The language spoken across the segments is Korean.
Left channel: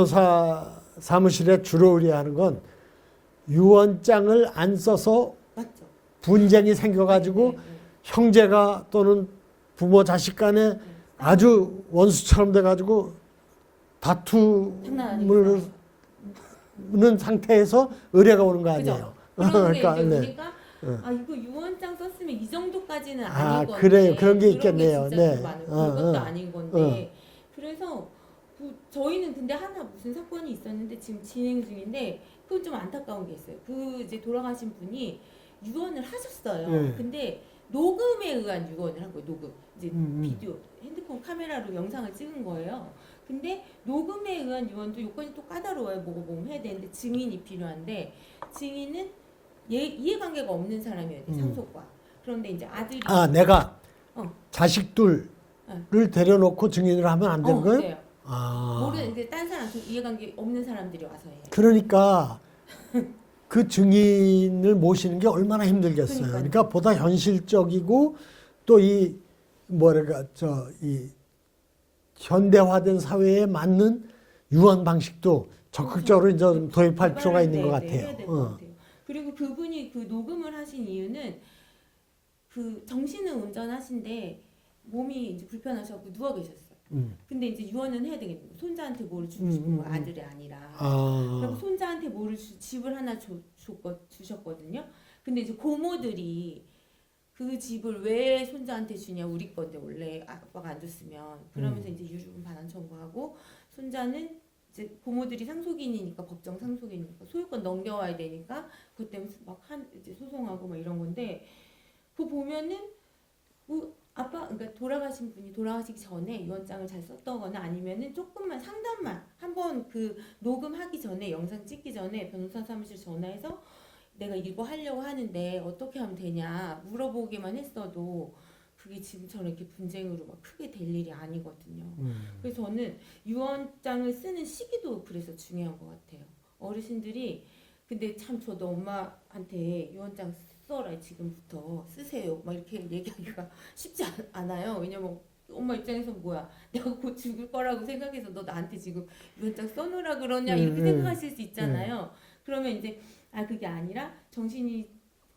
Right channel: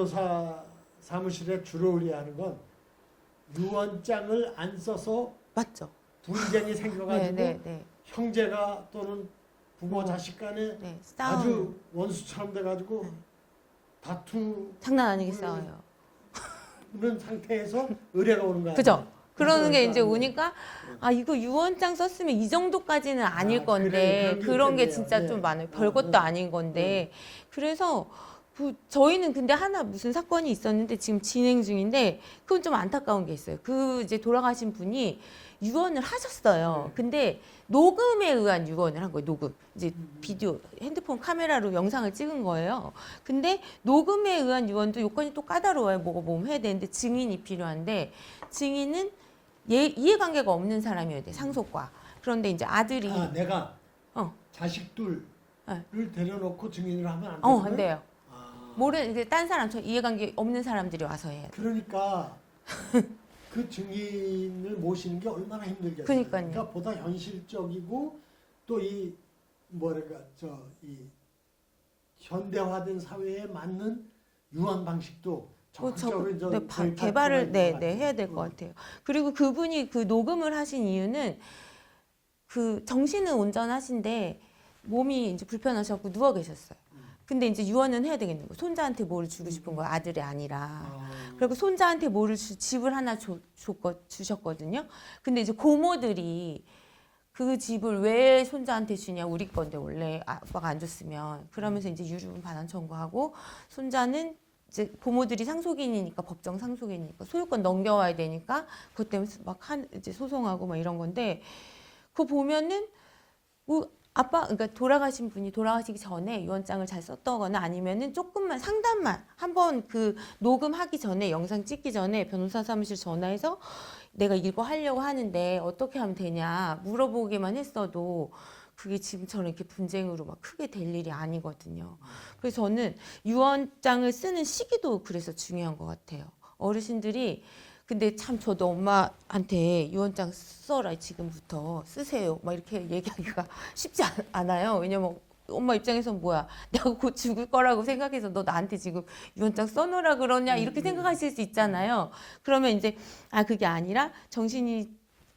변호사 사무실에 주로 의뢰하는 건 유언장을 안 써서 맞죠. 분쟁이 생겨가지고 네, 네, 네. 형제가 또는 부모 자식 간에 네, 아주 원수처럼 돼가지고 장난 아니게 다투는 싸워요. 상태에서 의뢰가 오는 거 아니에요? 그죠? 그런 게 이제 네. 오니까 네. 아 이거 유언장 썼으면 이 정도까지는 아닐 아, 건데 그래, 그런 게 그런 게 있겠네요. 진짜 네. 좀 많아요. 별것도 아닌 건데 그래서 저희는 근데 하나 무슨 사건이 있었는데 지금 진행 중인데 그건 좀 안타까운 게 있어요. 그 이제 돌아가신 분이 유언을 하셨어요. 네. 근데 녹음에 의한 유언을 한 거예요. 녹음. 이제 음. 비디오, 핸드폰 카메라로 영상을 찍은 거예요. 근데 녹음에 의한 유언도 요건이 또 까다로워요. 뭐가 뭐 해야 되는데 증인이 필요한데 증인은 이해관계가 없는 사람이어야 돼. 상속과. 그런데 이제 아들이 내가 어. 자식들을 네. 데려놓고 증인을 하면 안 되는 거예요? 돼요. 아. 모르는 이제 딴 사람, 저 이해관계 없는 사람들이 와서 해요. 그러니까 그 증인을 모시는 게 얼마나 힘들겠어요. 그러니까요. 그러니까 보다 현실적이고 또 이 뭐랄까 이 현대화된 사회에 맞는 유언 방식도 적극적으로 이제 네, 도입할 필요가 있는 것 같아요. 해야 될 것 같아요. 그리고 그분이 그 녹음을 하신 이유는 그 정신은 온전하신데 몸이 이제 불편하셔서 누워 계셨어요. 근데 이제 유언은 해야 되겠는 거예요. 손자한테 뭐를 주고 싶은 거예요. 아들이 아니라. 그리고 손자한테 뭐를 집을 하나 주셨거든요. 근데 이제 고모들이 그 집을 왜 손자한테 주냐, 우리 건데 원래 아빠가 안 줬으면 그러면서 이제 유류분 반환 청구하고 손자는 이제 고모들이 상속인이니까 법정 상속인이니까 소유권 넘겨와야 되니까 그것 때문에 막 이제 소송하고 막 이런 건데 그거 보면은 뭐 그러니까 돌아가신 분이 돌아가시기 전에 유언장을 잘 썼다거나 아니면은 조금만 상담만 한번 그 녹음하기 전에 영상 찍기 전에 변호사 사무실 전화해서 내가 이거 하려고 하는데 어떻게 하면 되냐 물어보기만 했어도 그게 지금처럼 이렇게 분쟁으로 막 크게 될 일이 아니거든요. 그래서 저는 유언장을 쓰는 시기도 그래서 중요한 것 같아요. 어르신들이 근데 참 저도 엄마한테 유언장 써라 지금부터 쓰세요 막 이렇게 얘기하기가 쉽지 않아요. 왜냐면 엄마 입장에서 뭐야 내가 곧 죽을 거라고 생각해서 너 나한테 지금 유언장 써놓으라 그러냐 이렇게 생각하실 수 있잖아요. 그러면 이제 그게 아니라 정신이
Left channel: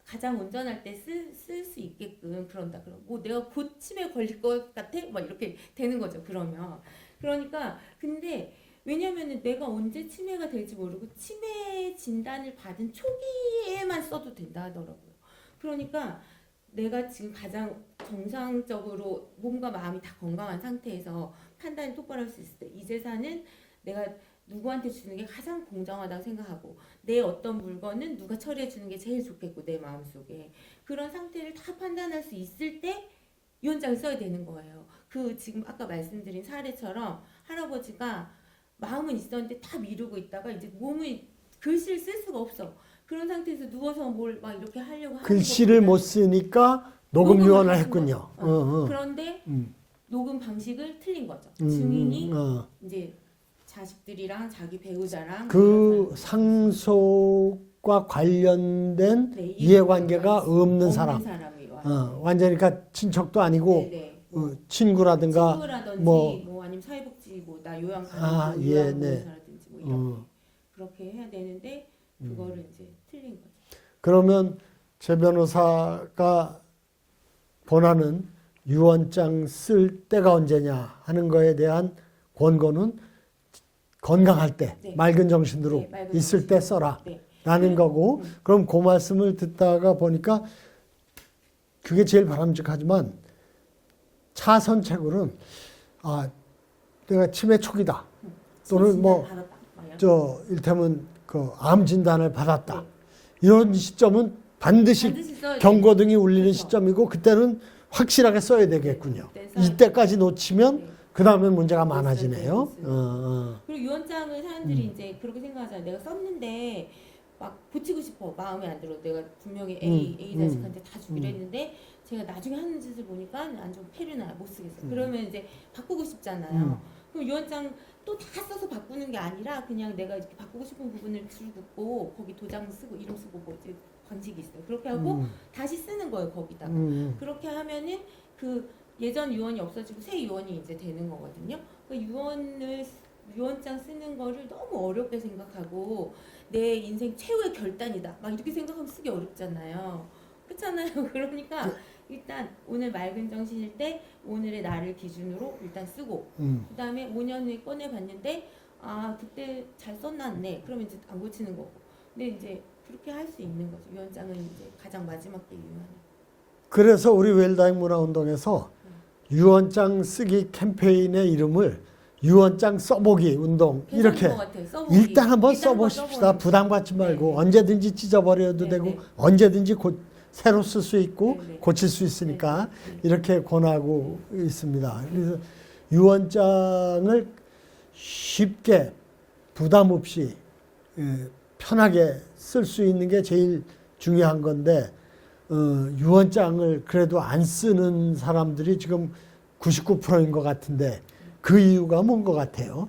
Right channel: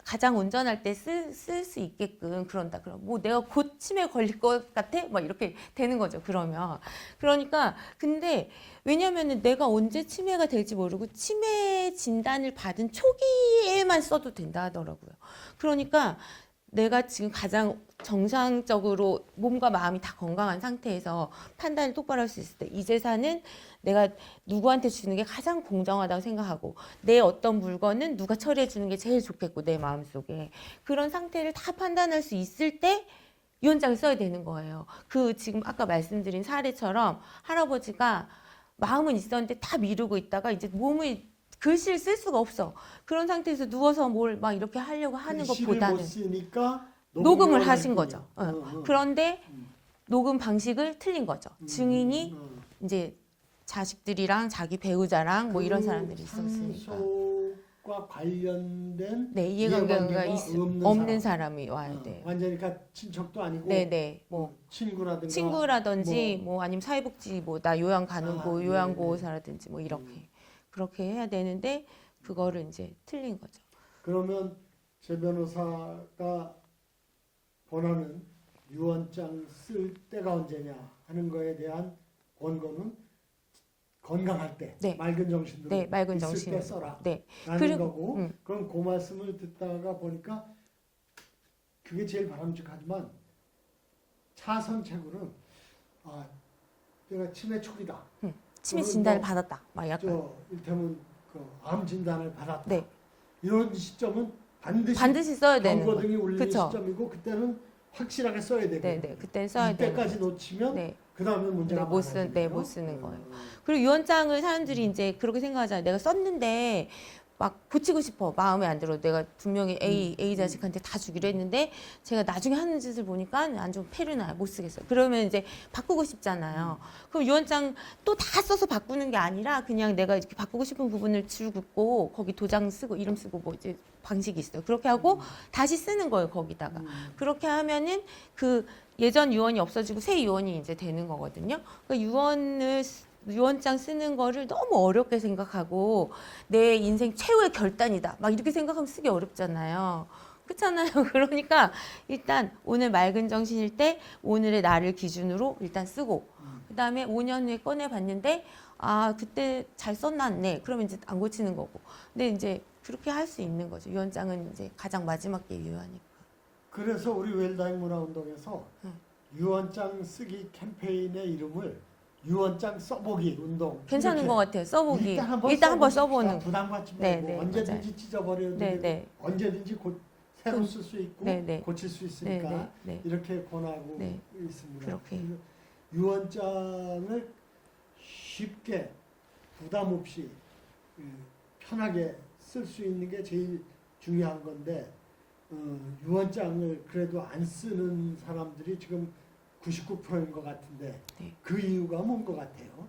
가장 온전할 때 쓸 수 있게끔 그런다. 그럼 뭐 내가 곧 치매 걸릴 것 같아? 막 이렇게 되는 거죠. 그러니까 근데 왜냐면은 내가 언제 치매가 될지 모르고 치매 진단을 받은 초기에만 써도 된다 하더라고요. 그러니까 내가 지금 가장 정상적으로 몸과 마음이 다 건강한 상태에서 판단을 똑바로 할 수 있을 때 이 재산은 내가 누구한테 주는 게 가장 공정하다고 생각하고 내 어떤 물건은 누가 처리해 주는 게 제일 좋겠고 내 마음속에 그런 상태를 다 판단할 수 있을 때 유언장을 써야 되는 거예요. 그 지금 아까 말씀드린 사례처럼 할아버지가 마음은 있었는데 다 미루고 있다가 이제 몸을 글씨를 쓸 수가 없어. 그런 상태에서 누워서 뭘 막 이렇게 하려고 하는 글씨를 것보다는 못 쓰니까 녹음을 유언을 하신 했군요. 거죠. 그런데 녹음 방식을 틀린 거죠. 증인이 이제 자식들이랑 자기 배우자랑 뭐 이런 그 사람들이 상속과 관련된 네, 이해관계가 없는 사람. 사람이 와야 돼. 완전히 그러니까 친척도 아니고 네네. 뭐 친구라든지 뭐 아니면 사회복지 뭐 나 요양 가는 요양보호사라든지 뭐 이렇게 그렇게 해야 되는데 그거를 이제 틀린 거죠. 그러면 제 변호사가 권하는 유언장 쓸 때가 언제냐 하는 거에 대한 권고는 건강할 때 맑은 정신으로 맑은 있을 때 써라 라는 그리고, 거고 그럼 그 말씀을 듣다가 보니까 그게 제일 바람직하지만 차선책으로는 내가 치매 초기다 치매 또는 진단을 받았다 막 일테면 그 암 진단을 받았다 이런 시점은 반드시 써야 경고등이 울리는 그쵸? 시점이고 그때는 확실하게 써야 되겠군요. 이때까지 놓치면 그 다음에 문제가 많아지네요. 못 쓰는 거. 그리고 유언장을 사람들이 이제 그렇게 생각하잖아요. 내가 썼는데 막 고치고 싶어. 마음에 안 들어. 내가 분명히 A 자식한테 다 주기로 했는데 제가 나중에 하는 짓을 보니까 안 좋은 패를 나요. 못 쓰겠어요. 그러면 이제 바꾸고 싶잖아요. 그럼 유언장 또 다 써서 바꾸는 게 아니라 그냥 내가 이렇게 바꾸고 싶은 부분을 줄 긋고 거기 도장 쓰고 이름 쓰고 뭐 이제 방식이 있어요. 그렇게 하고 다시 쓰는 거예요. 거기다가. 그렇게 하면은 그 예전 유언이 없어지고 새 유언이 이제 되는 거거든요. 그러니까 유언을 유언장 쓰는 거를 너무 어렵게 생각하고 내 인생 최후의 결단이다. 막 이렇게 생각하면 쓰기 어렵잖아요. 그렇잖아요. 그러니까 일단 오늘 맑은 정신일 때 오늘의 나를 기준으로 일단 쓰고 그다음에 5년 후에 꺼내봤는데 아 그때 잘 썼났네. 그러면 이제 안 고치는 거고. 근데 이제 그렇게 할 수 있는 거죠. 유언장은 이제 가장 마지막 게 유효하니까. 그래서 우리 웰다잉 문화운동에서 유언장 쓰기 캠페인의 이름을 유언장 써보기 운동 괜찮은 이렇게 것 같아요. 써보기. 일단 한번 써보십시다. 써보는 부담 갖지 말고 네, 네, 언제든지 찢어버려도 네, 되고 네. 언제든지 새로 쓸 수 있고 네, 네. 고칠 수 있으니까 네, 네. 이렇게 권하고 있습니다. 그래서 유언장을 쉽게 부담 없이 편하게 쓸 수 있는 게 제일 중요한 건데 유언장을 그래도 안 쓰는 사람들이 지금 99%인 것 같은데 그 이유가 뭔 것 같아요?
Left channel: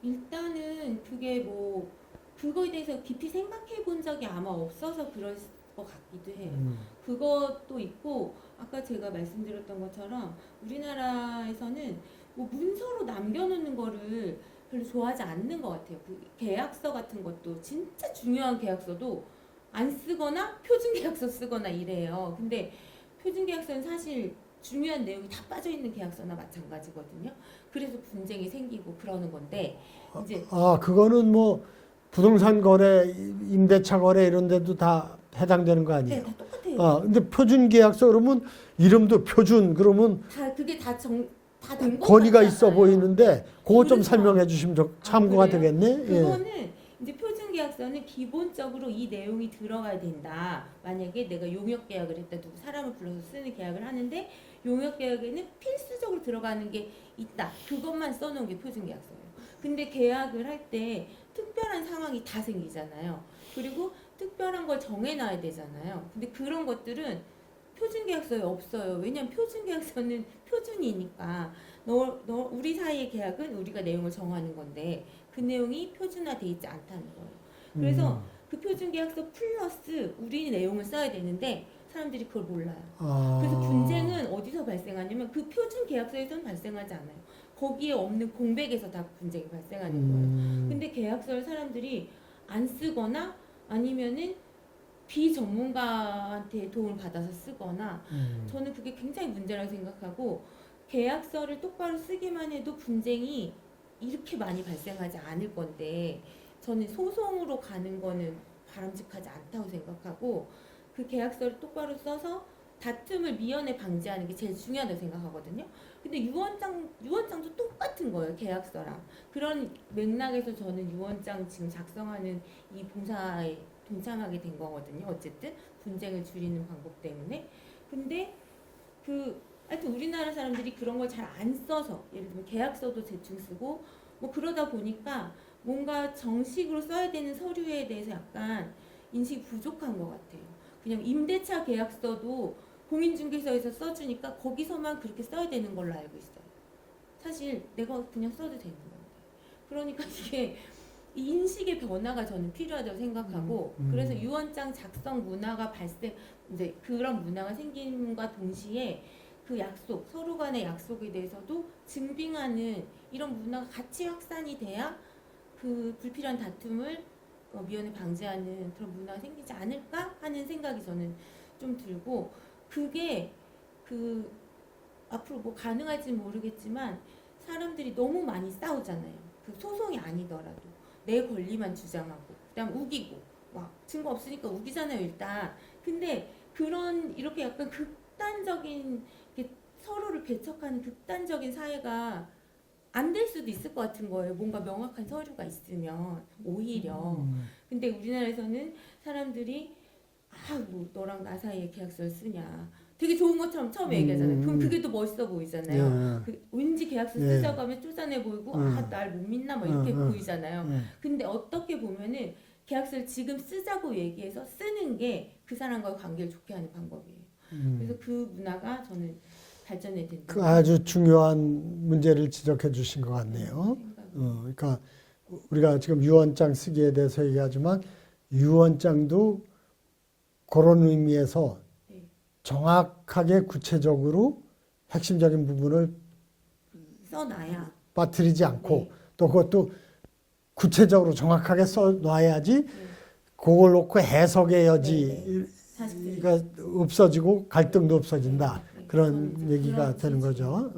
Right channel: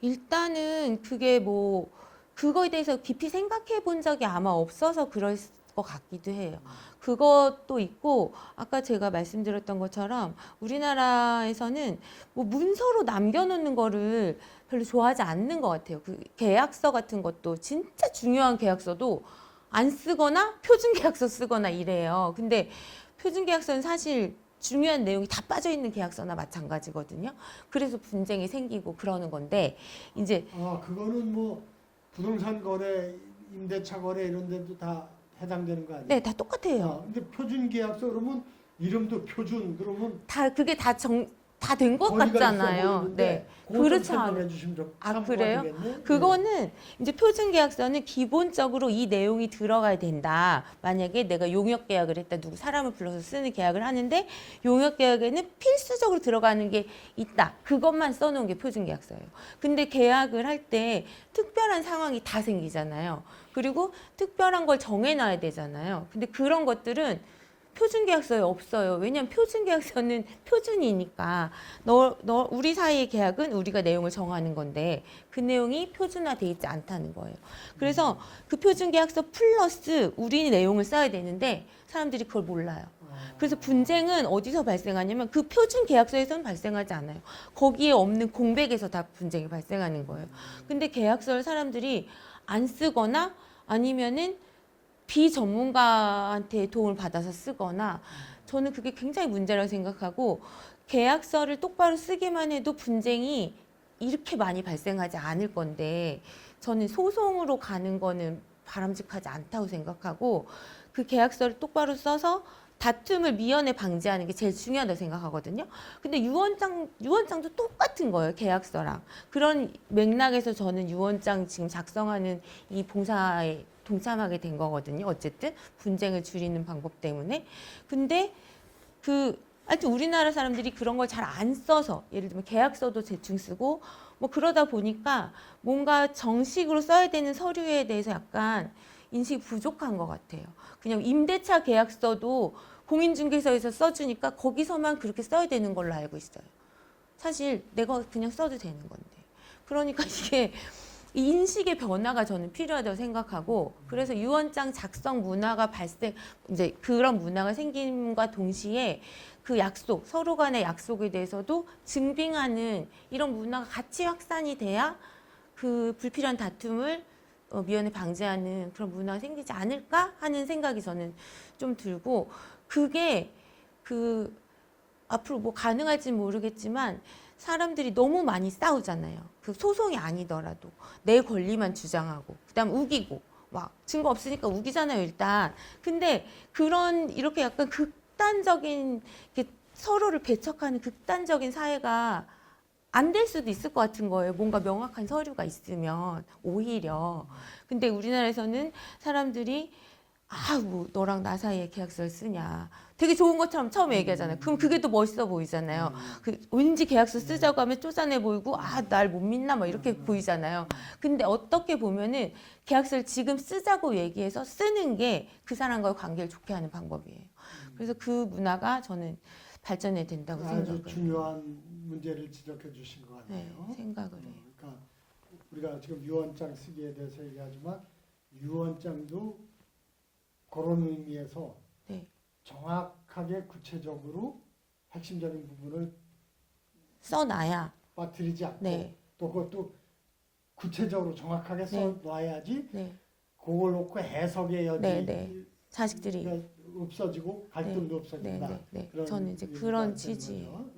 일단은 그게 뭐 그거에 대해서 깊이 생각해 본 적이 아마 없어서 그럴 것 같기도 해요. 그것도 있고 아까 제가 말씀드렸던 것처럼 우리나라에서는 뭐 문서로 남겨놓는 거를 별로 좋아하지 않는 것 같아요. 그 계약서 같은 것도 진짜 중요한 계약서도 안 쓰거나 표준 계약서 쓰거나 이래요. 근데 표준 계약서는 사실 중요한 내용이 다 빠져 있는 계약서나 마찬가지거든요. 그래서 분쟁이 생기고 그러는 건데 이제 그거는 뭐 부동산 거래, 임대차 거래 이런 데도 다 해당되는 거 아니에요? 네, 다 똑같아요. 근데 표준 계약서 그러면 이름도 표준 그러면 다 그게 다 된 것 권위가 같잖아요. 있어 보이는데 네. 그거 좀 그렇죠. 설명해 주시면 참고가 그래요? 되겠네. 그거는 이제 표준 계약서는 기본적으로 이 내용이 들어가야 된다. 만약에 내가 용역 계약을 했다. 누구 사람을 불러서 쓰는 계약을 하는데 용역 계약에는 필수적으로 들어가는 게 있다. 그것만 써놓은 게 표준 계약서예요. 근데 계약을 할 때 특별한 상황이 다 생기잖아요. 그리고 특별한 걸 정해놔야 되잖아요. 근데 그런 것들은 표준 계약서에 없어요. 왜냐면 표준 계약서는 표준이니까 우리 사이의 계약은 우리가 내용을 정하는 건데 그 내용이 표준화돼 있지 않다는 거예요. 그래서 그 표준 계약서 플러스 우리 내용을 써야 되는데 사람들이 그걸 몰라요. 그래서 분쟁은 어디서 발생하냐면 그 표준 계약서에서는 발생하지 않아요. 거기에 없는 공백에서 다 분쟁이 발생하는 거예요. 근데 계약서를 사람들이 안 쓰거나 아니면은 비전문가한테 도움을 받아서 쓰거나 저는 그게 굉장히 문제라고 생각하고 계약서를 똑바로 쓰기만 해도 분쟁이 이렇게 많이 발생하지 않을 건데 저는 소송으로 가는 거는 바람직하지 않다고 생각하고 그 계약서를 똑바로 써서 다툼을 미연에 방지하는 게 제일 중요하다고 생각하거든요. 근데 유언장도 똑같은 거예요. 계약서랑. 그런 맥락에서 저는 유언장 지금 작성하는 이 봉사에 동참하게 된 거거든요. 어쨌든 분쟁을 줄이는 방법 때문에. 근데 하여튼 우리나라 사람들이 그런 걸 잘 안 써서 예를 들면 계약서도 대충 쓰고 뭐 그러다 보니까 뭔가 정식으로 써야 되는 서류에 대해서 약간 인식이 부족한 것 같아요. 그냥 임대차 계약서도 공인중개사에서 써주니까 거기서만 그렇게 써야 되는 걸로 알고 있어요. 사실 내가 그냥 써도 되는 건데. 그러니까 이게 인식의 변화가 저는 필요하다고 생각하고 그래서 유언장 작성 문화가 이제 그런 문화가 생김과 동시에 그 약속, 서로 간의 약속에 대해서도 증빙하는 이런 문화가 같이 확산이 돼야 그 불필요한 다툼을 미연에 방지하는 그런 문화가 생기지 않을까 하는 생각이 저는 좀 들고 그게 앞으로 뭐 가능할지 모르겠지만 사람들이 너무 많이 싸우잖아요. 그 소송이 아니더라도 내 권리만 주장하고 그다음 우기고 막 증거 없으니까 우기잖아요 일단. 근데 이렇게 약간 극단적인 서로를 배척하는 극단적인 사회가 안 될 수도 있을 것 같은 거예요. 뭔가 명확한 서류가 있으면 오히려. 근데 우리나라에서는 사람들이 뭐 너랑 나 사이에 계약서를 쓰냐. 되게 좋은 것처럼 처음에 얘기하잖아요. 그럼 그게 또 멋있어 보이잖아요. 왠지 계약서 쓰자고 하면 쪼잔해 보이고 날 못 믿나 뭐 이렇게 보이잖아요. 근데 어떻게 보면은 계약서를 지금 쓰자고 얘기해서 쓰는 게 그 사람과의 관계를 좋게 하는 방법이에요. 그래서 그 문화가 저는 발전해야 된다고 아주 중요한 문제를 지적해 주신 것 같네요. 그러니까 우리가 지금 유언장 쓰기에 대해서 얘기하지만 유언장도 그런 의미에서 정확하게 구체적으로 핵심적인 부분을 써놔야 빠뜨리지 않고 또 그것도 구체적으로 정확하게 써놔야지 네. 그걸 놓고 해석의 여지가 네, 자식들이 없어지고 갈등도 네, 없어진다. 네. 그런 저는 이제 얘기가 그런 되는 취지. 거죠.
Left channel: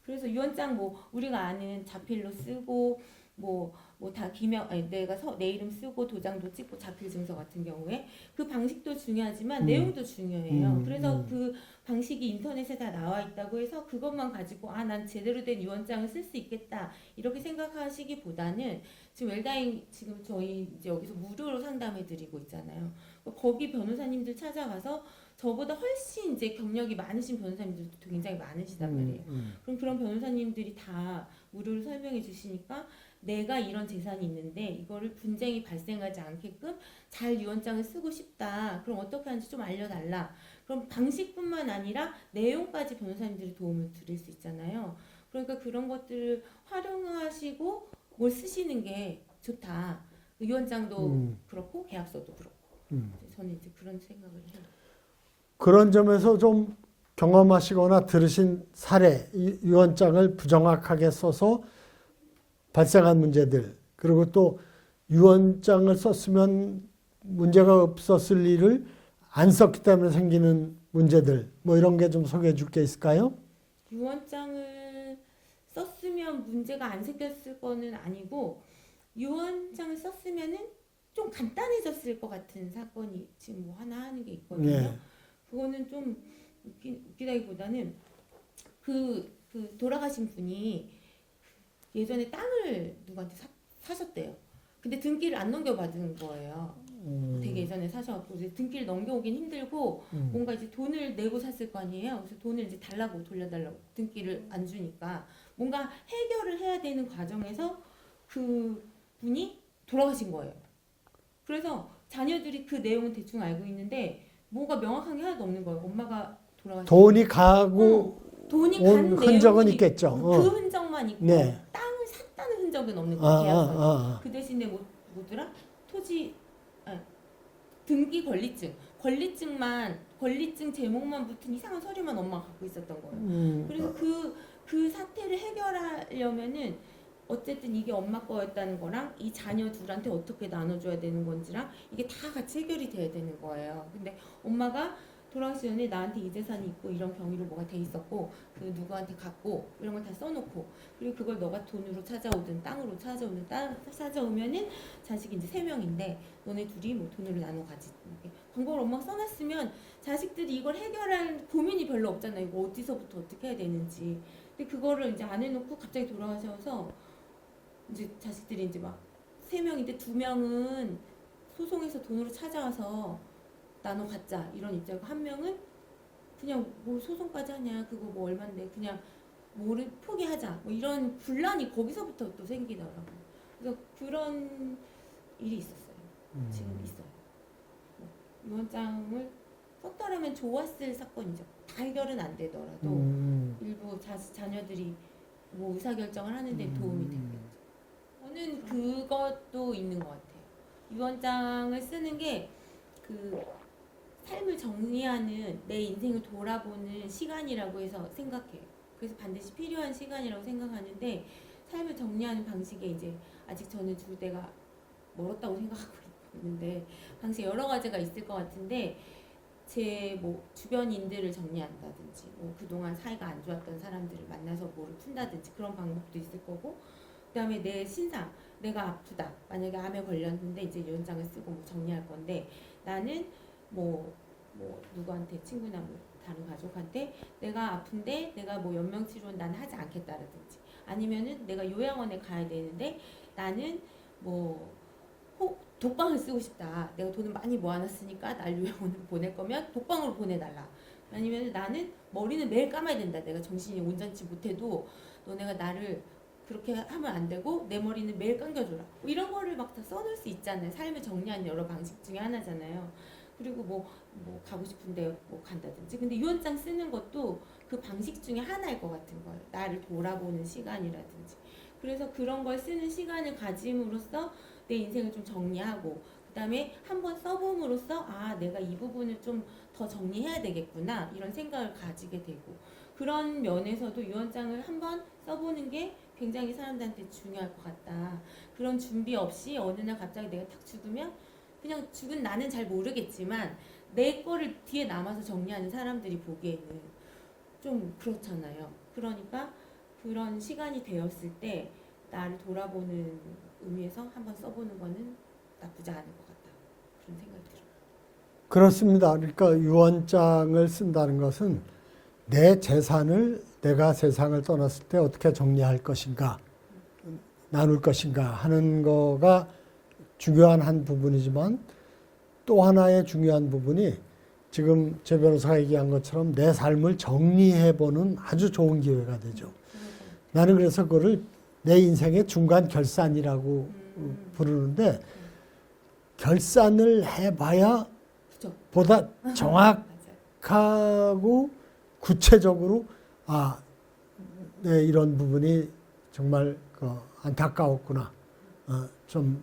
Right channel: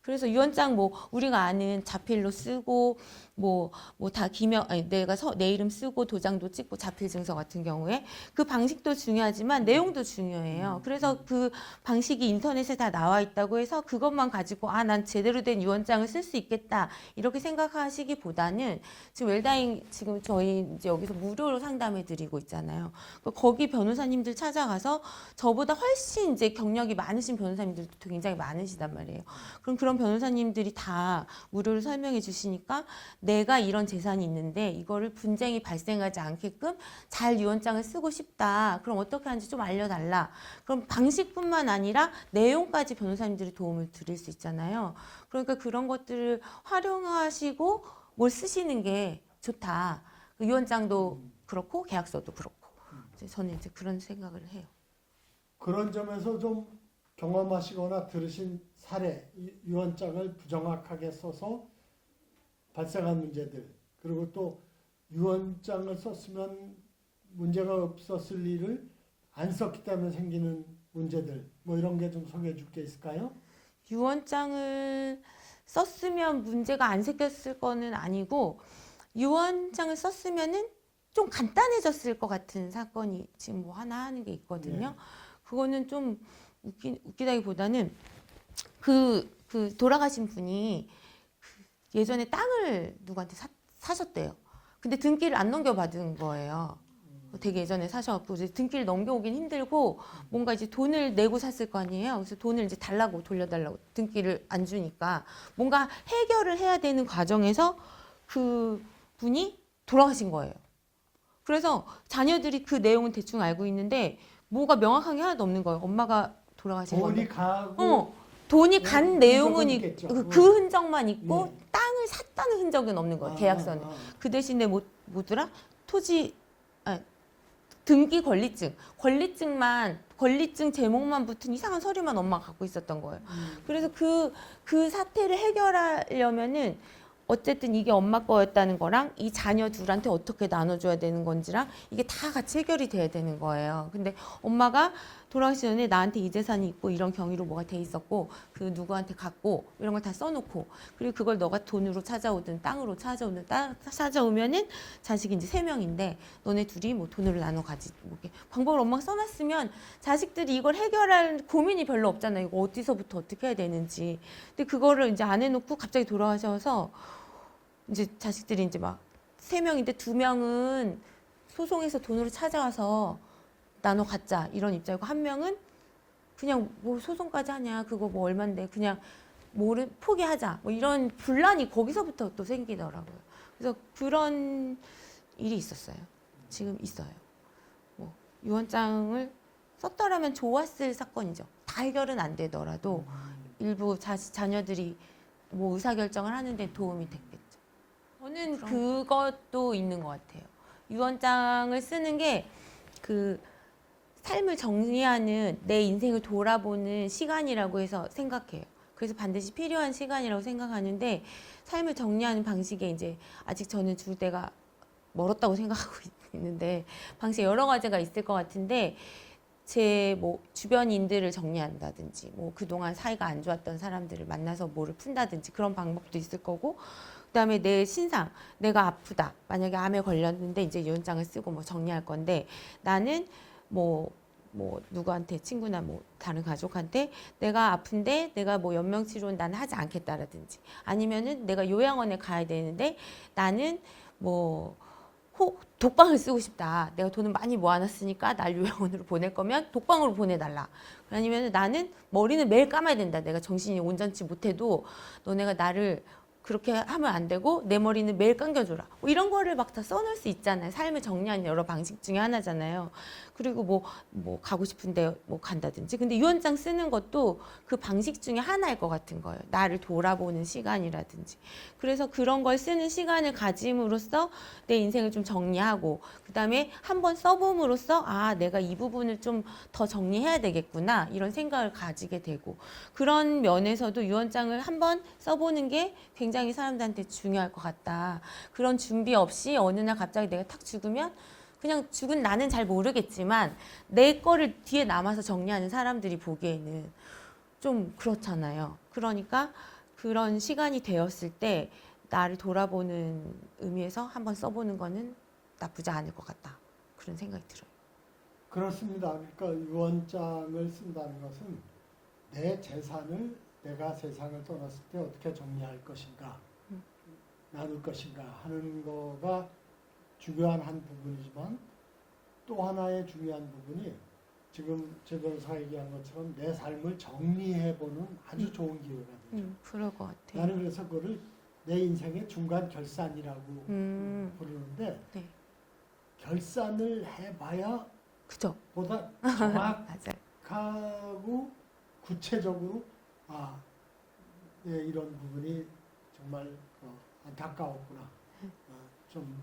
그래서 유언장 뭐 우리가 아는 자필로 쓰고 뭐 다 기명 아니 내가 내 이름 쓰고 도장도 찍고 자필 증서 같은 경우에 그 방식도 중요하지만 내용도 중요해요. 그래서 그 방식이 인터넷에 다 나와 있다고 해서 그것만 가지고 아 난 제대로 된 유언장을 쓸 수 있겠다 이렇게 생각하시기보다는 지금 웰다잉 지금 저희 이제 여기서 무료로 상담해 드리고 있잖아요. 거기 변호사님들 찾아가서 저보다 훨씬 이제 경력이 많으신 변호사님들도 굉장히 많으시단 말이에요. 그럼 그런 변호사님들이 다 무료로 설명해 주시니까 내가 이런 재산이 있는데 이거를 분쟁이 발생하지 않게끔 잘 유언장을 쓰고 싶다. 그럼 어떻게 하는지 좀 알려달라. 그럼 방식뿐만 아니라 내용까지 변호사님들이 도움을 드릴 수 있잖아요. 그러니까 그런 것들을 활용하시고 뭘 쓰시는 게 좋다. 유언장도 그렇고 계약서도 그렇고. 저는 이제 그런 생각을 해요. 그런 점에서 좀 경험하시거나 들으신 사례, 유언장을 부정확하게 써서 발생한 문제들, 그리고 또 유언장을 썼으면 문제가 없었을 일을 안 썼기 때문에 생기는 문제들, 뭐 이런 게 좀 소개해 줄 게 있을까요? 유언장을 썼으면 문제가 안 생겼을 거는 아니고 유언장을 썼으면은 좀 간단해졌을 것 같은 사건이 지금 뭐 하나 하는 게 있거든요. 네. 그거는 좀 웃기다기보다는 그 돌아가신 분이 예전에 땅을 누구한테 사셨대요. 근데 등기를 안 넘겨받은 거예요. 되게 예전에 사셔갖고 이제 등기를 넘겨오긴 힘들고 뭔가 이제 돈을 내고 샀을 거 아니에요. 그래서 돈을 이제 달라고 돌려달라고 등기를 안 주니까 뭔가 해결을 해야 되는 과정에서 그 분이 돌아가신 거예요. 그래서 자녀들이 그 내용은 대충 알고 있는데 뭐가 명확한 게 하나도 없는 거예요. 엄마가 돌아가신 돈이 건데. 가고 돈이 간 흔적은 내용은 있겠죠. 그 흔적만 있고 네. 땅을 샀다는 흔적은 없는 거예요. 계약서는. 아. 그 대신에 뭐더라? 등기 권리증 제목만 붙은 이상한 서류만 엄마가 갖고 있었던 거예요. 그래서 그 사태를 해결하려면은 어쨌든 이게 엄마 거였다는 거랑 이 자녀 둘한테 어떻게 나눠줘야 되는 건지랑 이게 다 같이 해결이 돼야 되는 거예요. 근데 엄마가 돌아가시기 전에 나한테 이 재산이 있고 이런 경위로 뭐가 돼 있었고 그 누구한테 갔고 이런 걸 다 써놓고 그리고 그걸 너가 돈으로 찾아오든 땅으로 찾아오면은 자식이 이제 3명인데 너네 둘이 뭐 돈으로 나눠 가지 뭐 이렇게 방법을 엄마가 써놨으면 자식들이 이걸 해결할 고민이 별로 없잖아요. 이거 어디서부터 어떻게 해야 되는지. 근데 그거를 이제 안 해놓고 갑자기 돌아가셔서 이제 자식들이 이제 막 3명인데 2명은 소송해서 돈으로 찾아와서 나눠 갖자 이런 입장이고 1명은 그냥 뭐 소송까지 하냐 그거 뭐 얼만데 그냥 뭐를 포기하자 뭐 이런 분란이 거기서부터 또 생기더라고요. 그래서 그런 일이 있었어요. 지금 있어요. 뭐 유언장을 썼더라면 좋았을 사건이죠. 다 해결은 안 되더라도 일부 자녀들이 뭐 의사결정을 하는데 도움이 됐겠죠. 저는 그것도 있는 것 같아요. 유언장을 쓰는 게 그 삶을 정리하는 내 인생을 돌아보는 시간이라고 해서 생각해요. 그래서 반드시 필요한 시간이라고 생각하는데 삶을 정리하는 방식에 이제 아직 저는 줄 때가 멀었다고 생각하고 있는데 방식 여러 가지가 있을 것 같은데 제 뭐 주변인들을 정리한다든지 뭐 그동안 사이가 안 좋았던 사람들을 만나서 뭐를 푼다든지 그런 방법도 있을 거고 그다음에 내 신상 내가 아프다 만약에 암에 걸렸는데 이제 유언장을 쓰고 뭐 정리할 건데 나는 뭐 누구한테 친구나 뭐 다른 가족한테 내가 아픈데 내가 뭐 연명치료는 나는 하지 않겠다라든지 아니면은 내가 요양원에 가야 되는데 나는 뭐 독방을 쓰고 싶다. 내가 돈을 많이 모아놨으니까 날 요양원으로 보낼 거면 독방으로 보내달라. 아니면 나는 머리는 매일 감아야 된다. 내가 정신이 온전치 못해도 너네가 나를 그렇게 하면 안 되고 내 머리는 매일 감겨줘라. 뭐 이런 거를 막 다 써놓을 수 있잖아요. 삶을 정리하는 여러 방식 중에 하나잖아요. 그리고 뭐 가고 싶은데 뭐 간다든지. 근데 유언장 쓰는 것도 그 방식 중에 하나일 것 같은 거예요. 나를 돌아보는 시간이라든지. 그래서 그런 걸 쓰는 시간을 가짐으로써 내 인생을 좀 정리하고, 그다음에 한번 써봄으로써 아, 내가 이 부분을 좀 더 정리해야 되겠구나, 이런 생각을 가지게 되고, 그런 면에서도 유언장을 한번 써보는 게 굉장히 사람들한테 중요할 것 같다. 그런 준비 없이 어느 날 갑자기 내가 탁 죽으면 그냥 죽은 나는 잘 모르겠지만 내 거를 뒤에 남아서 정리하는 사람들이 보기에는 좀 그렇잖아요. 그러니까 그런 시간이 되었을 때 나를 돌아보는 의미에서 한번 써보는 거는 나쁘지 않을 것 같다. 그런 생각이 들어요. 그렇습니다. 그러니까 유언장을 쓴다는 것은 내 재산을 내가 세상을 떠났을 때 어떻게 정리할 것인가, 나눌 것인가 하는 거가 중요한 한 부분이지만, 또 하나의 중요한 부분이 지금 제 변호사가 얘기한 것처럼 내 삶을 정리해보는 아주 좋은 기회가 되죠. 그럴 것 같아요. 나는 그래서 그거를 내 인생의 중간 결산이라고 부르는데, 네. 결산을 해봐야 그죠? 보다 맞아요. 정확하고 구체적으로 네, 이런 부분이 정말 안타까웠구나, 좀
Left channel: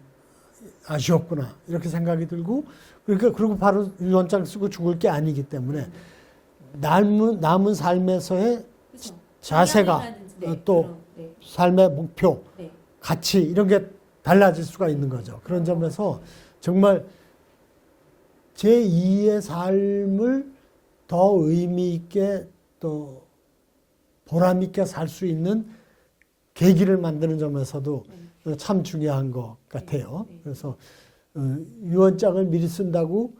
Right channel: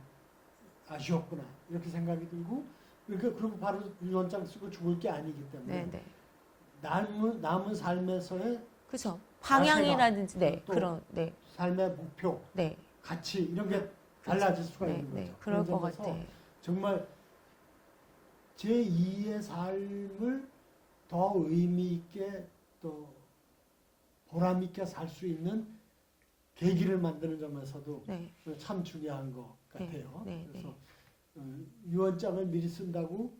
아쉬웠구나, 이렇게 생각이 들고, 그러니까 그리고 바로 유언장 쓰고 죽을 게 아니기 때문에 네, 네. 남은 삶에서의 그죠? 자세가, 방향이라든지, 네, 또 그런, 네, 삶의 목표, 네, 가치, 이런 게 달라질 수가 네, 있는 네, 거죠. 그런 그런 것 점에서 같아요. 정말 제2의 삶을 더 의미 있게 또 보람 있게 살 수 있는 계기를 만드는 점에서도 네. 참 중요한 것 같아요. 네, 네, 그래서 유언장을 미리 쓴다고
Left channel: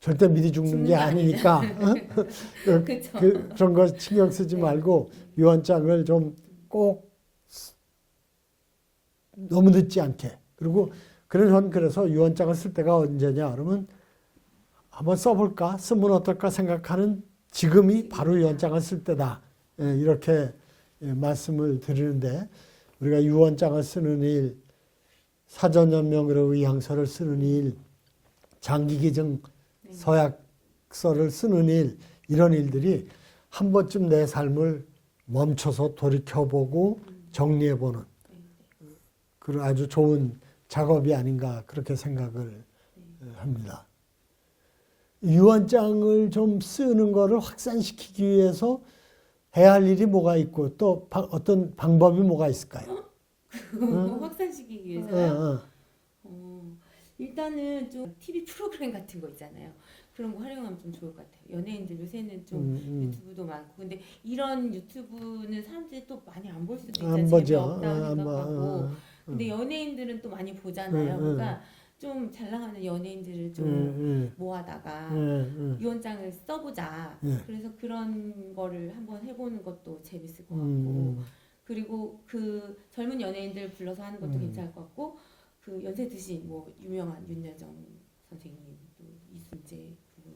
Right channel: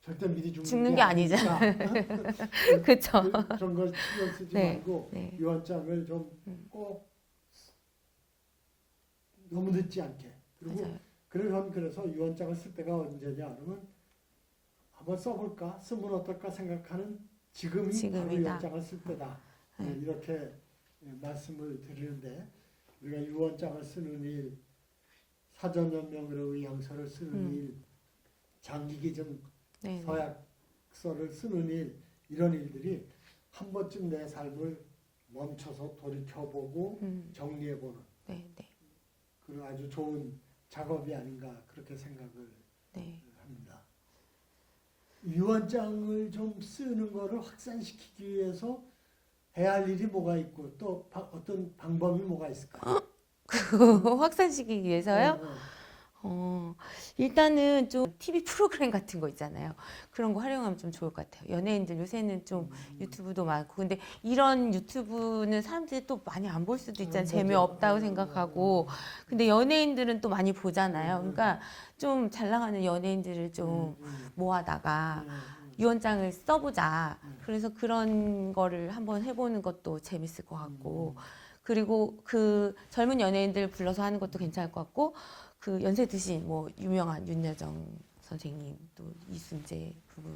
절대 미리 죽는 게 아니니까 그쵸. 그런 거 신경 쓰지 네, 말고 네. 유언장을 좀 꼭 너무 늦지 않게, 그리고 그래서 유언장을 쓸 때가 언제냐 그러면 한번 써볼까, 쓰면 어떨까 생각하는 지금이 지금이다. 바로 유언장을 쓸 때다, 이렇게 말씀을 드리는데, 우리가 유언장을 쓰는 일, 사전연명으로 의향서를 쓰는 일, 장기기증 네. 서약서를 쓰는 일, 이런 일들이 한 번쯤 내 삶을 멈춰서 돌이켜보고 정리해보는 네, 네, 그런 아주 좋은 작업이 아닌가, 그렇게 생각을 네. 합니다. 유언장을 좀 쓰는 거를 확산시키기 위해서 해야 할 일이 뭐가 있고, 또 어떤 방법이 뭐가 있을까요? 그거 확산시키기 위해서요? 어. 일단은 좀 TV 프로그램 같은 거 있잖아요. 그런 거 활용하면 좀 좋을 것 같아요. 연예인들 요새는 좀 유튜브도 많고, 근데 이런 유튜브는 사람들이 또 많이 안 볼 수도 있잖아요. 안 보죠. 재미없다고 생각하고. 근데 연예인들은 또 많이 보잖아요. 음, 그러니까 좀 잘 나가는 연예인들을 좀 모아다가 유언장을 써보자. 그래서 그런 거를 한번 해보는 것도 재밌을 것 같고, 그리고 그 젊은 연예인들 불러서 하는 것도 괜찮을 것 같고, 그 연세 드신 뭐 유명한 윤여정 선생님, 또 이순재 부부,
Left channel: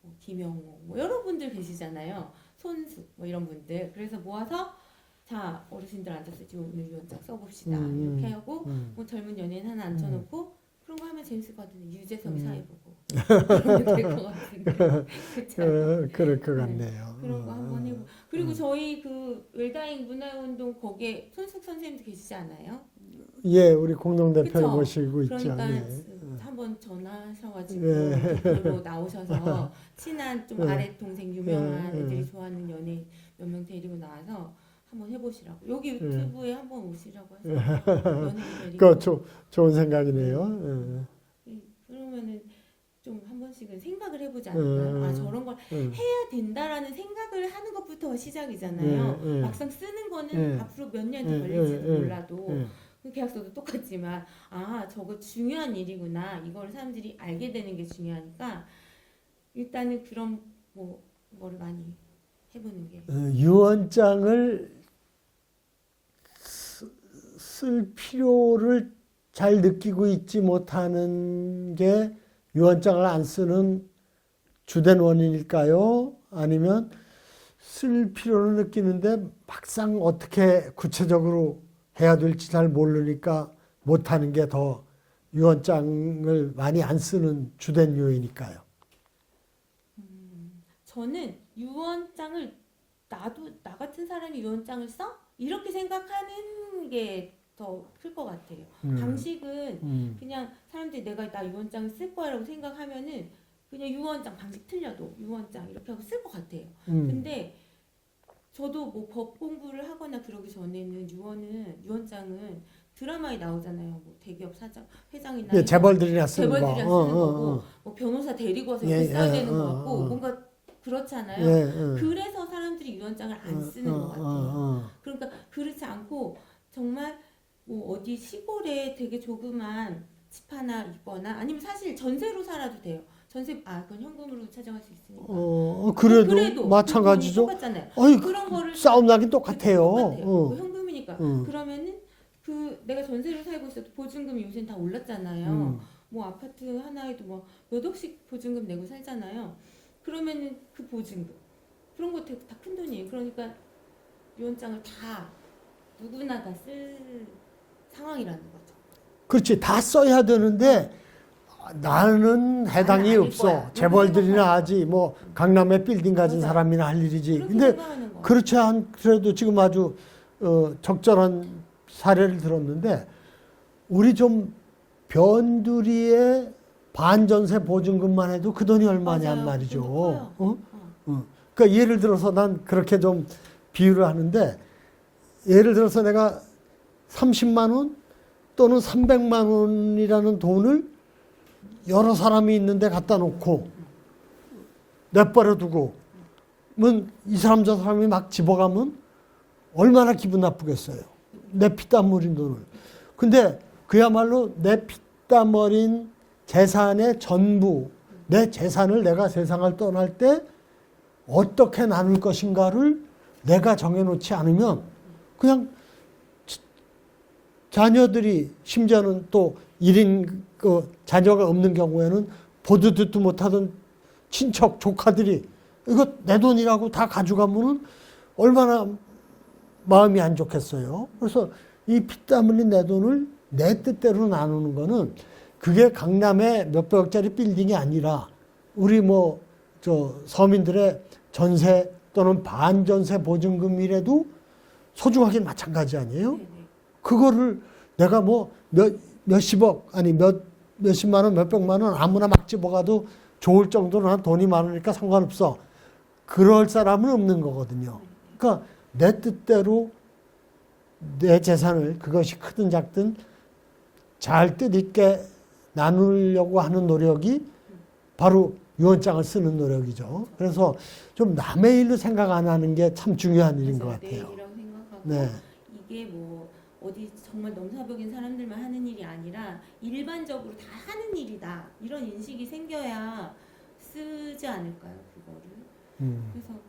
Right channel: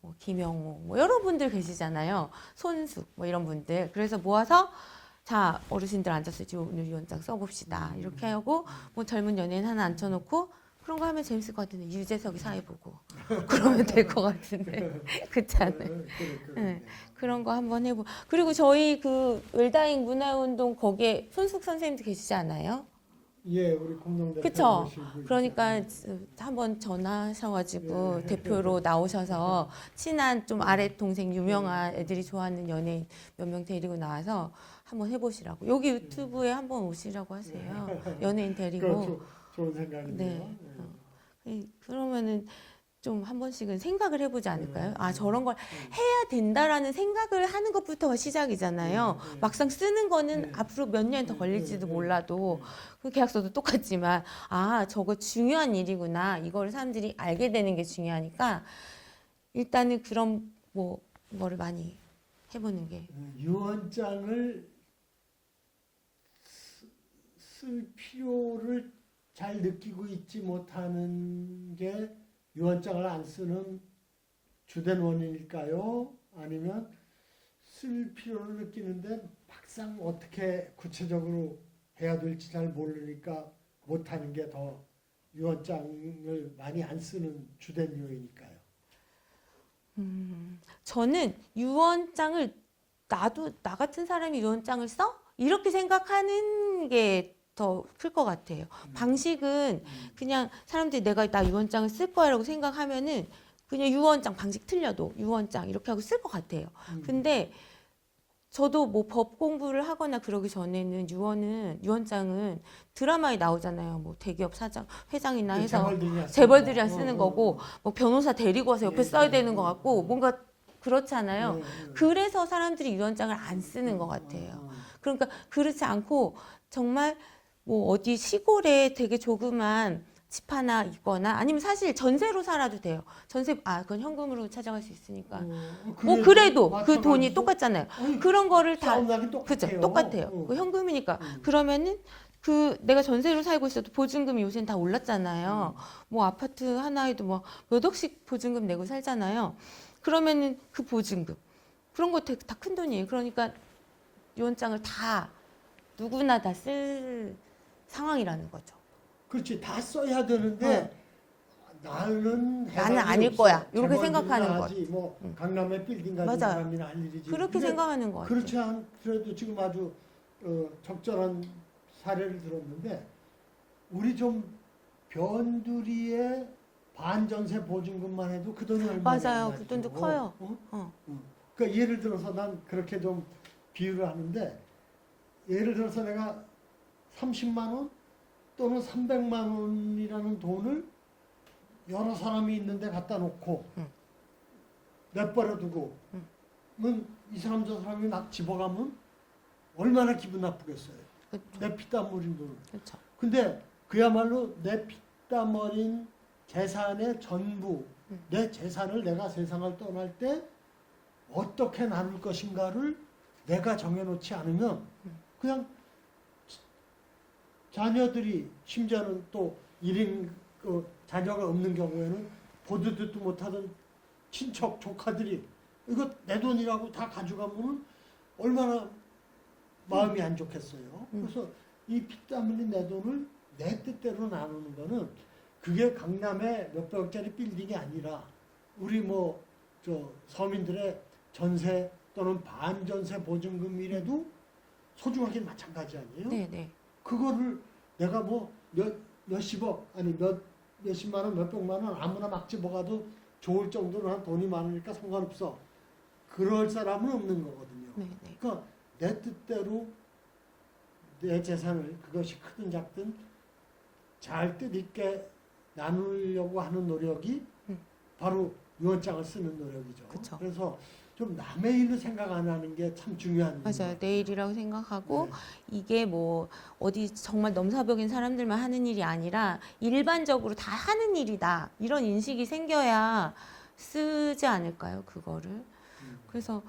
뭐 김영호, 뭐 여러 분들 계시잖아요. 손숙 뭐 이런 분들. 그래서 모아서 자, 어르신들 앉아서 지금 오늘 유언장 써봅시다. 이렇게 하고 뭐 젊은 연예인 하나 앉혀놓고 그런 거 하면 재밌을 것 같은데, 유재석이 사회 보고 그러면 될 것 같은데. 그렇잖아요. 그럴 것 같네요. 그런 거 한번 해보. 그리고 저희 그 웰다잉 문화운동 거기에 손숙 선생님도 계시지 않아요? 예, 우리 공동대표 그쵸? 모시고 있죠. 그러니까 예. 한번 전화하셔가지고 대표로 나오셔서 친한 좀 아래 동생 유명한 애들이 좋아하는 연예인 몇 명 데리고 나와서 한번 해보시라고. 여기 유튜브에 한번 오시라고 하시면 연예인 데리고. 좋은 생각이네요. 그러면은 좀 한 번씩은 생각을 해보지 않을까요? 아, 저런 걸 예. 해야 된다라는 생각을 하는 것부터가 시작이잖아요. 막상 쓰는 거는 앞으로 몇 년이 더 걸릴지도 몰라도, 그 계약서도 똑같지만, 아, 저거 중요한 일이구나, 이걸 사람들이 알게 되는 게 중요하니까 일단은 그런 거를 많이 해보는 게. 유언장을 쓸 필요를 잘 느끼고 있지 못하는 게 유언장을 안 쓰는 주된 원인일까요? 아니면 쓸 필요를 느끼는데 막상 어떻게 구체적으로 해야 될지 잘 모르니까 못하는 게 더 유언장을 많이 안 쓰는 주된 요인일까요? 저는 유언장을 나 같은 사람이 유언장을 써? 이렇게 생각하는 게 더 클 것 같아요. 방식은 그냥 사람들이 내가 나 유언장을 쓸 거야라고 생각하면은 그냥 유언장 방식 틀려도 유언장 이렇게 하고 쓸 것 같아요. 근데 저도 뭐 법 공부를 하거나 그러기 전에는 유언장은 드라마에 나오잖아요. 뭐 대기업 사장, 회장이나 네, 해서 재벌들이나 쓰는 재벌들이랑 거. 쓰는 거고 뭐 변호사 데리고 와서 옆에 예, 써야 예, 되는 것 같고 뭔가 그렇잖아요. 예, 예. 그래서 사람들이 유언장을 안 쓰는 것 같아요. 그러니까 그렇지 않고 정말 뭐 어디 시골에 되게 조그만 집 하나 있거나 아니면 사실 전세로 살아도 돼요. 그건 현금으로 찾아갈 수 있으니까. 그래도 그 마찬가지죠. 돈이 똑같잖아요. 어이, 그런 거를 싸움 나긴 똑같아요. 똑같아요. 그 현금이니까. 그러면은 그 내가 전세로 살고 있어도 보증금이 요새는 다 올랐잖아요. 뭐 아파트 하나에도 뭐 몇 억씩 보증금 내고 살잖아요. 그러면은 그 보증금 그런 거 다 큰 돈이에요. 그러니까 유언장을 다 누구나 다 쓸 상황이라는 거죠. 그렇지. 다 써야 되는데 나는 해당이 아닐 없어. 거야. 이렇게 재벌들이나 생각하는 하지 뭐 강남에 빌딩 가진 맞아. 사람이나 할 일이지. 그렇게 근데 생각하는 거예요. 그렇지 않더라도 지금 아주 적절한 사례를 들었는데 우리 좀 변두리의 반전세 보증금만 해도 그 돈이 얼마냐 맞아요. 말이죠. 그것도 커요. 그러니까 예를 들어서 난 그렇게 좀 비유를 하는데 예를 들어서 내가 30만 원 또는 300만 원이라는 돈을 여러 사람이 있는데 갖다 놓고 내버려 두고 이 사람 저 사람이 막 집어가면 얼마나 기분 나쁘겠어요. 내 피땀 흘린 돈을. 근데 그야말로 내 피땀 흘린 재산의 전부, 내 재산을 내가 세상을 떠날 때 어떻게 나눌 것인가를 내가 정해놓지 않으면 그냥 자녀들이 심지어는 또 1인 그 자녀가 없는 경우에는 보도 듣도 못하던 친척 조카들이 이거 내 돈이라고 다 가져가면은 얼마나 마음이 안 좋겠어요. 그래서 이 피땀 흘린 내 돈을 내 뜻대로 나누는 거는 그게 강남의 몇백억짜리 빌딩이 아니라 우리 뭐 저 서민들의 전세 또는 반전세 보증금이라도 소중하긴 마찬가지 아니에요? 네네. 그거를 내가 뭐 몇십억 아니 몇십만 원 몇백만 원 아무나 막 집어가도 좋을 정도로 난 돈이 많으니까 상관없어. 그럴 사람은 없는 거거든요. 네네. 그러니까 내 뜻대로 내 재산을 그것이 크든 작든 잘 뜻있게 나누려고 하는 노력이 바로 유언장을 쓰는 노력이죠. 그렇죠. 그래서 좀 남의 일로 생각 안 하는 게 참 중요한 일인 것 맞아요. 같아요. 내 일이라고 생각하고 네. 이게 뭐 어디 정말 넘사벽인 사람들만 하는 일이 아니라 일반적으로 다 하는 일이다. 이런 인식이 생겨야 쓰지 않을까요? 그거를. 그래서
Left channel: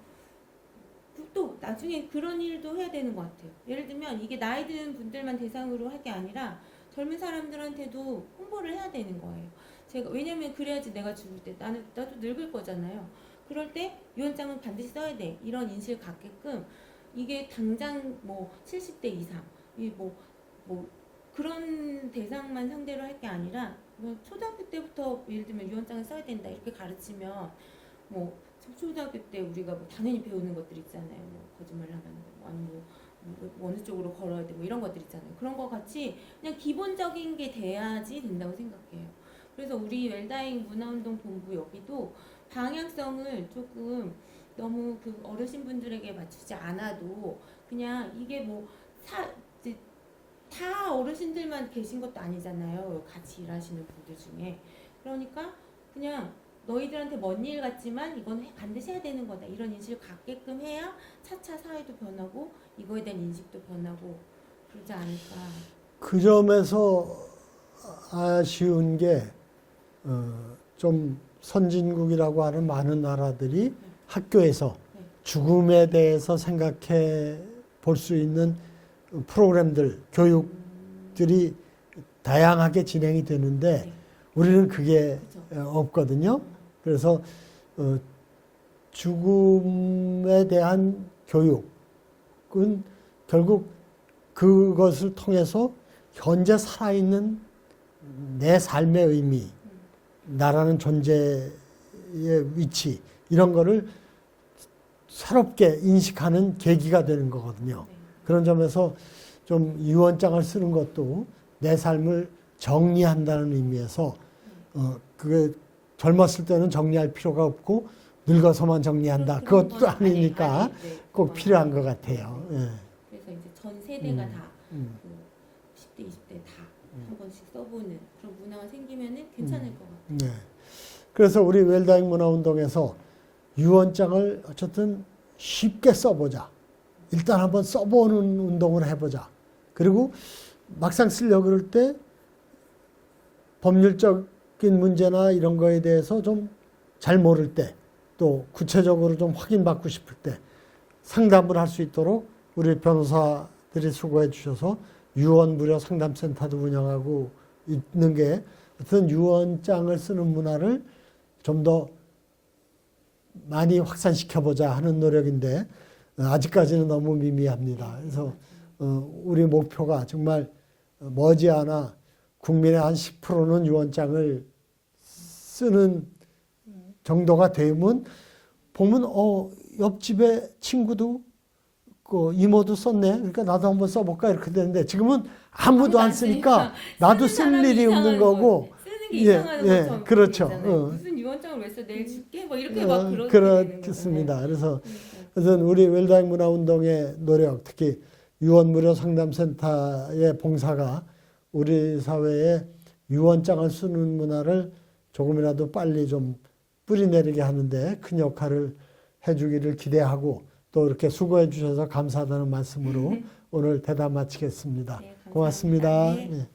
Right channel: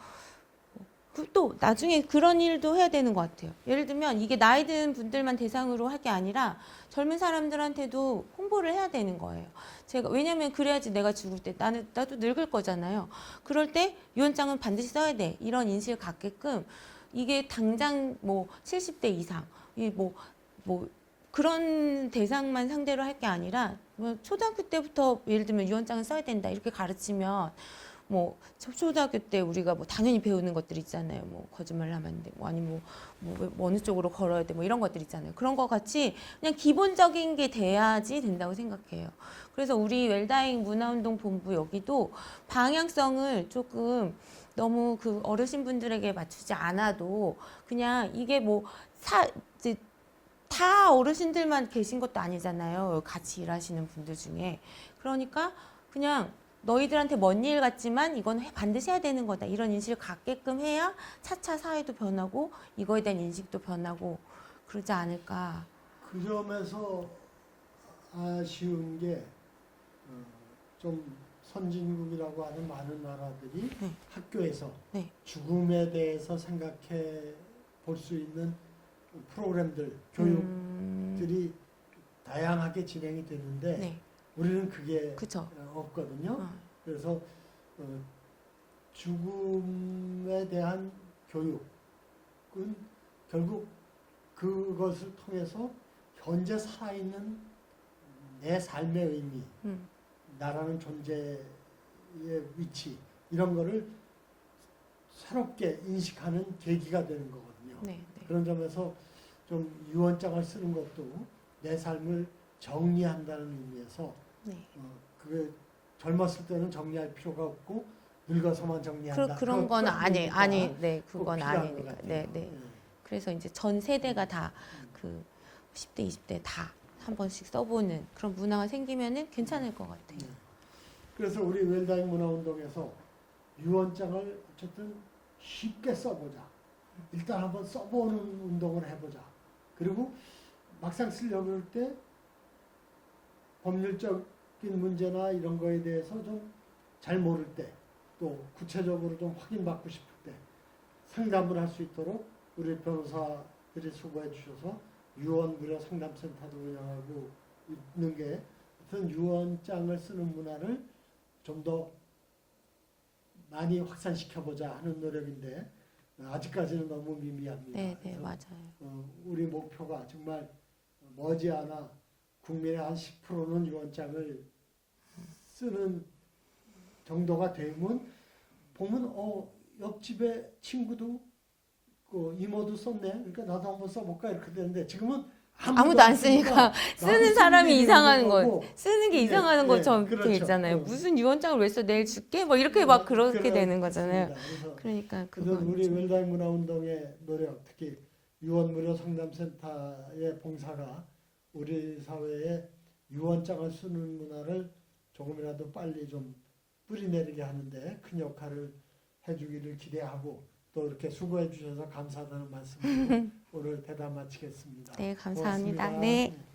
또 나중에 그런 일도 해야 되는 것 같아요. 예를 들면 이게 나이 든 분들만 대상으로 할 게 아니라 젊은 사람들한테도 홍보를 해야 되는 거예요. 왜냐면 그래야지 내가 죽을 때 나도 늙을 거잖아요. 그럴 때 유언장은 반드시 써야 돼. 이런 인식을 갖게끔 이게 당장 뭐 70대 이상, 뭐 그런 대상만 상대로 할 게 아니라 뭐 초등학교 때부터 예를 들면 유언장을 써야 된다 이렇게 가르치면 뭐 초등학교 때 우리가 뭐 당연히 배우는 것들 있잖아요. 뭐 거짓말을 하면 안 돼. 뭐 아니면 뭐 어느 쪽으로 걸어야 돼. 뭐 이런 것들 있잖아요. 그런 거 같이 그냥 기본적인 게 돼야지 된다고 생각해요. 그래서 우리 웰다잉 문화운동 본부 여기도 방향성을 조금 너무 그 어르신분들에게 맞추지 않아도 그냥 이게 뭐 이제 다 어르신들만 계신 것도 아니잖아요. 같이 일하시는 분들 중에. 그러니까 그냥 너희들한테 먼 일 같지만 이건 반드시 해야 되는 거다. 이런 인식을 갖게끔 해야 차차 사회도 변하고 이거에 대한 인식도 변하고 그러지 않을까. 그 점에서 아쉬운 게 좀 선진국이라고 하는 많은 나라들이 네. 학교에서 네. 죽음에 대해서 생각해 볼 수 있는 프로그램들, 교육들이 다양하게 진행이 되는데 네. 우리는 그게 그쵸. 없거든요. 그래서 죽음에 대한 교육은 결국 그것을 통해서 현재 살아있는 내 삶의 의미, 나라는 존재의 위치 이런 거를 새롭게 인식하는 계기가 되는 거거든요. 네. 그런 점에서 좀 유언장을 쓰는 것도 내 삶을 정리한다는 의미에서 그게 젊었을 때는 정리할 필요가 없고 늙어서만 정리한다. 그런 그것도 건 아니니까 네, 꼭 그건 필요한 아니에요. 것 같아요. 네, 네. 예. 그래서 이제 전 세대가 다 음. 그 10대, 20대 다 한 번씩 써보는 그런 문화가 생기면은 괜찮을 것 같아요. 네. 그래서 우리 웰다잉 문화운동에서 유언장을 어쨌든 쉽게 써보자. 일단 한번 써보는 운동을 해보자. 그리고 막상 쓰려고 그럴 때 법률적인 문제나 이런 거에 대해서 좀 잘 모를 때, 또 구체적으로 좀 확인받고 싶을 때 상담을 할 수 있도록 우리 변호사들이 수고해 주셔서 유언 무료 상담센터도 운영하고 있는 게 어떤 유언장을 쓰는 문화를 좀 더 많이 확산시켜보자 하는 노력인데 아직까지는 너무 미미합니다. 네, 그래서 맞아요. 우리 목표가 정말 머지않아 국민의 한 10%는 유언장을 쓰는 정도가 되면 보면 옆집에 친구도 그 이모도 썼네. 그러니까 나도 한번 써볼까 이렇게 되는데 지금은 아무도 안 쓰니까 나도 쓰는 쓸 사람이 일이 이상한 없는 거고. 거, 쓰는 게 예, 이상한 예, 것처럼 그렇죠. 있잖아요. 무슨 유언장을 왜 써? 내일 줄게? 뭐 이렇게 막 그렇게 되는 거잖아요. 그렇습니다. 그래서 그러니까 그래서 우리 웰다잉 문화운동의 노력, 특히 유언 무료 상담센터의 봉사가 우리 사회에 유언장을 쓰는 문화를 조금이라도 빨리 좀 뿌리내리게 하는데 큰 역할을 해주기를 기대하고 또 이렇게 수고해 주셔서 감사하다는 말씀으로 오늘 대담 마치겠습니다. 네, 감사합니다. 고맙습니다. 네. 예.